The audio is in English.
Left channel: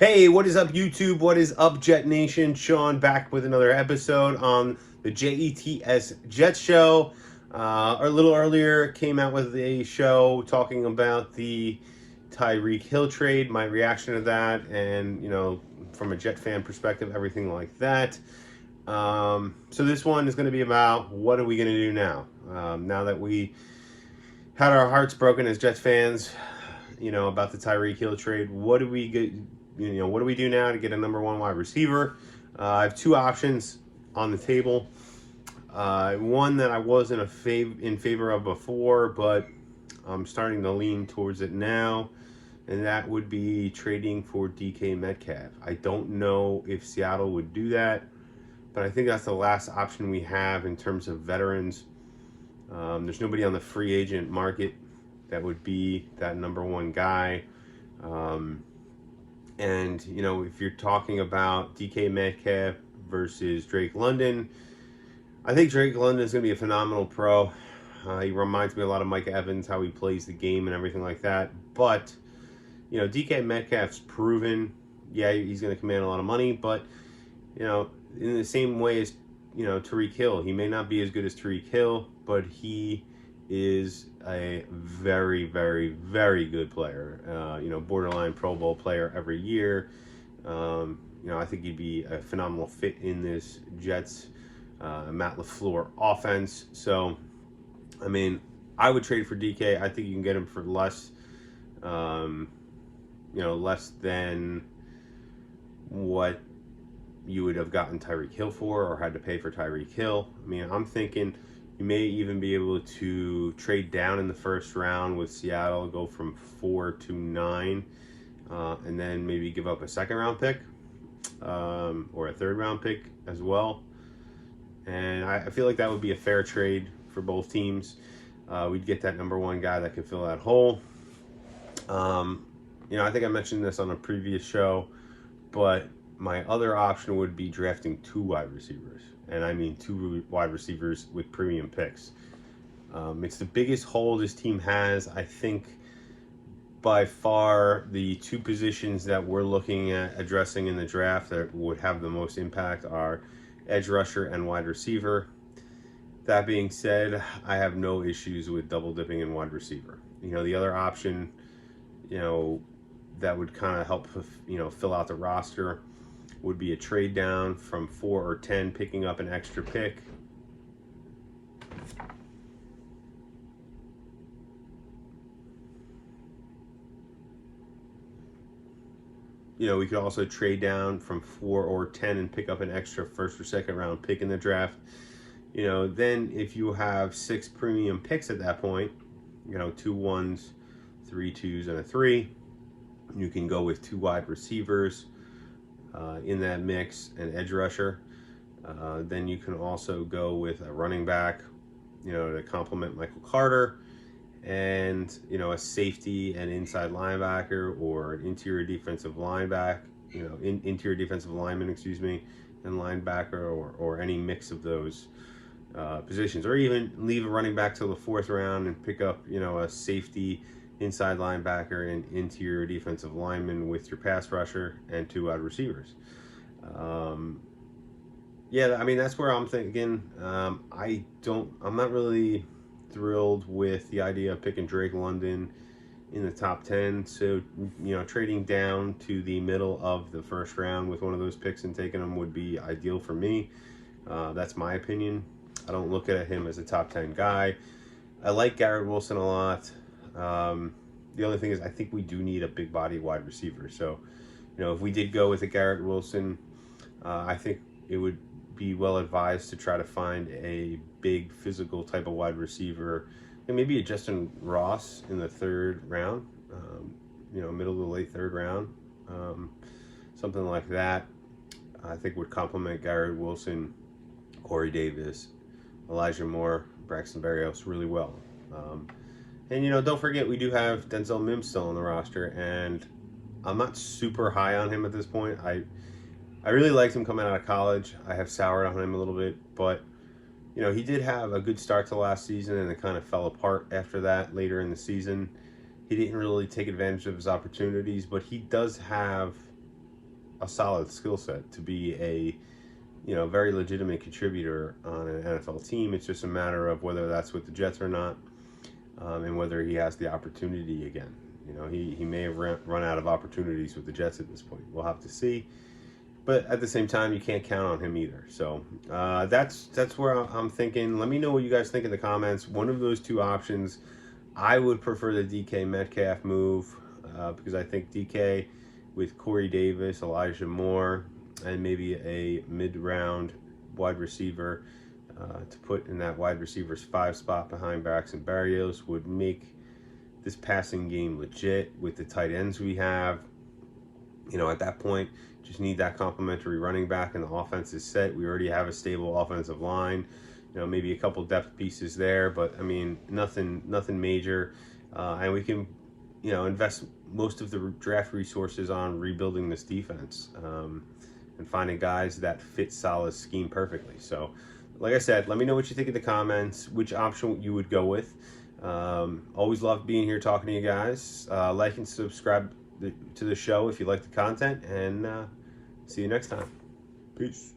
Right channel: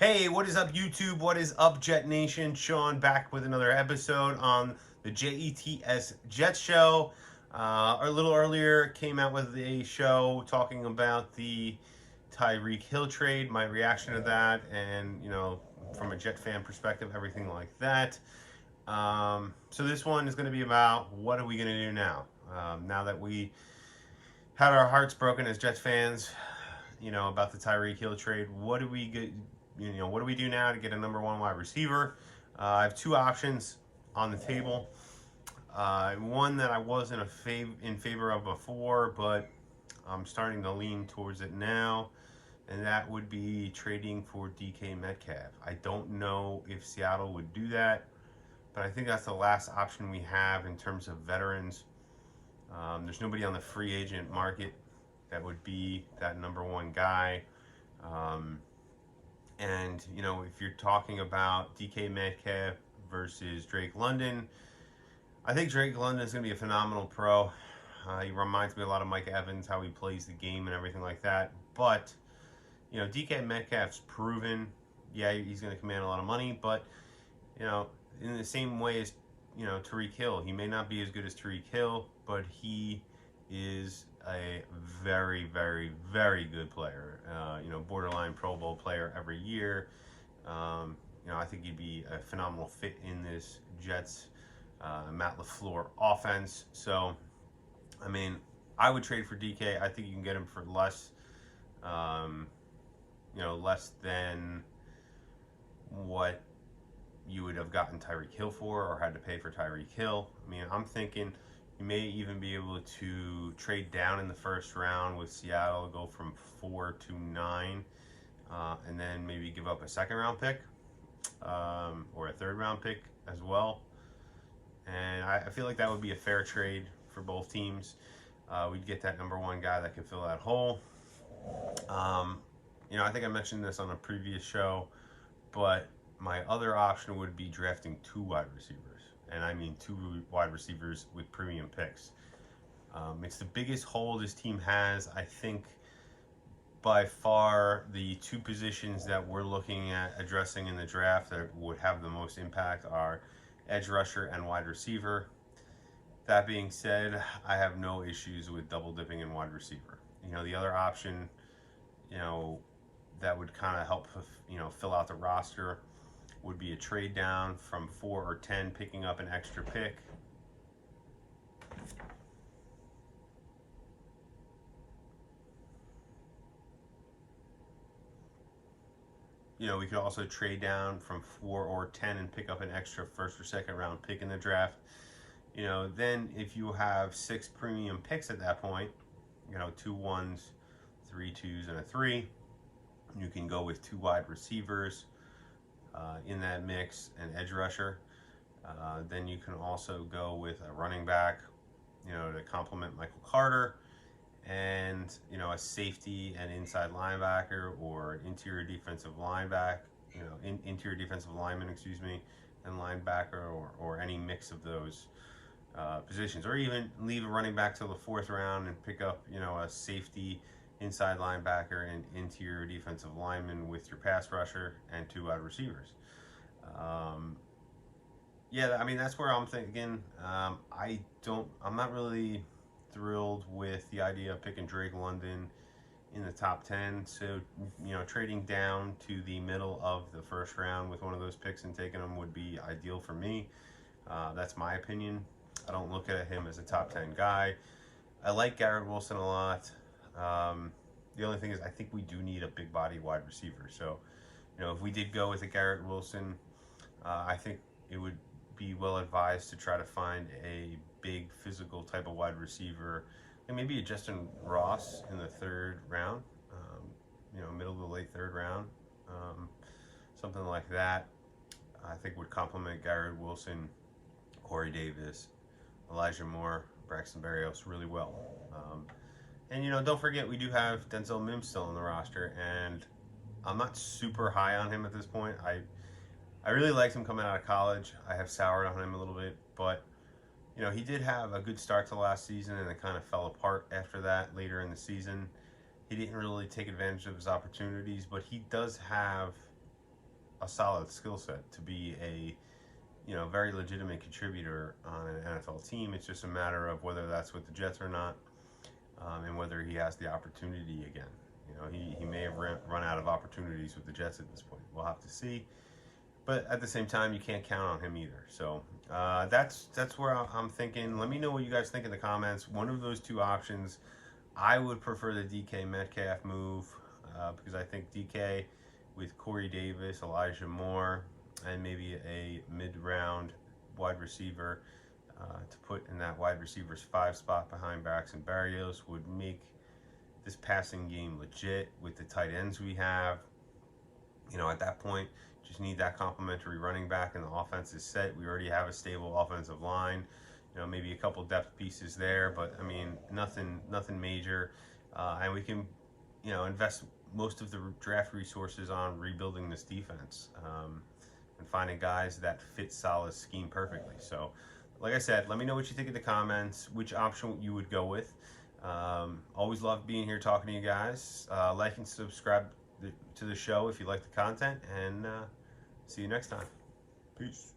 Hey, what is up, YouTube? What is up, Jet Nation? Sean back with another episode on the JETS Jet Show. A little earlier, came out with a show talking about the Tyreek Hill trade, my reaction to that, and from a Jet fan perspective, everything like that. So this one is going to be about what are we going to do now? Now that we had our hearts broken as Jets fans, about the Tyreek Hill trade, what do we get? What do we do now to get a number one wide receiver? I have two options on the table. One that I wasn't in favor of before, but I'm starting to lean towards it now, and that would be trading for DK Metcalf. I don't know if Seattle would do that, but I think that's the last option we have in terms of veterans. There's nobody on the free agent market that would be that number one guy. And, if you're talking about DK Metcalf versus Drake London, I think Drake London is going to be a phenomenal pro. He reminds me a lot of Mike Evans, how he plays the game and everything like that. But, DK Metcalf's proven, yeah, he's going to command a lot of money. But, in the same way as, Tyreek Hill, he may not be as good as Tyreek Hill, but he is a very, very, very good player. Borderline Pro Bowl player every year. I think he'd be a phenomenal fit in this Jets Matt LaFleur offense. So, I would trade for DK. I think you can get him for less, less than what you would have gotten Tyreek Hill for or had to pay for Tyreek Hill. I'm thinking you may even be able to trade down in the first round with Seattle, go from 4 to 9, and then maybe give up a second round pick or a third round pick as well. And I feel like that would be a fair trade for both teams. We'd get that number one guy that could fill that hole. I think I mentioned this on a previous show, but my other option would be drafting two wide receivers. And I mean two wide receivers with premium picks. It's the biggest hole this team has. I think by far the two positions that we're looking at addressing in the draft that would have the most impact are edge rusher and wide receiver. That being said, I have no issues with double dipping in wide receiver. The other option, that would kind of help, fill out the roster would be a trade down from 4 or 10, picking up an extra pick. We could also trade down from 4 or 10 and pick up an extra first or second round pick in the draft. Then if you have 6 premium picks at that point, 2 1s, 3 2s, and a 3, you can go with 2 wide receivers in that mix, an edge rusher. Then you can also go with a running back, to complement Michael Carter, and a safety and inside linebacker, or an interior defensive linebacker, interior defensive lineman, and linebacker, or any mix of those positions, or even leave a running back till the 4th round and pick up, a safety, inside linebacker, and interior defensive lineman with your pass rusher and 2 wide receivers. That's where I'm thinking. I'm not really thrilled with the idea of picking Drake London in the top 10. So, trading down to the middle of the first round with one of those picks and taking them would be ideal for me. That's my opinion. I don't look at him as a top 10 guy. I like Garrett Wilson a lot. The only thing is I think we do need a big body wide receiver. So, if we did go with a Garrett Wilson, I think it would be well advised to try to find a big physical type of wide receiver, and maybe a Justin Ross in the 3rd round, middle to late 3rd round, something like that. I think would complement Garrett Wilson, Corey Davis, Elijah Moore, Braxton Berrios really well. And don't forget, we do have Denzel Mims still on the roster, and I'm not super high on him at this point. I really liked him coming out of college. I have soured on him a little bit, but he did have a good start to last season, and it kind of fell apart after that later in the season. He didn't really take advantage of his opportunities, but he does have a solid skill set to be a very legitimate contributor on an NFL team. It's just a matter of whether that's with the Jets or not, and whether he has the opportunity again. He may have run out of opportunities with the Jets at this point. We'll have to see. But at the same time, you can't count on him either. So that's where I'm thinking. Let me know what you guys think in the comments. One of those two options, I would prefer the DK Metcalf move because I think DK with Corey Davis, Elijah Moore, and maybe a mid-round wide receiver to put in that wide receiver's 5 spot behind Braxton Berrios would make this passing game legit with the tight ends we have. At that point, just need that complimentary running back, and the offense is set. We already have a stable offensive line. Maybe a couple depth pieces there, but I mean, nothing major. And we can, invest most of the draft resources on rebuilding this defense and finding guys that fit Saleh's scheme perfectly. So, like I said, let me know what you think in the comments, which option you would go with. Always love being here talking to you guys. Like and subscribe to the show if you like the content, and see you next time. Peace.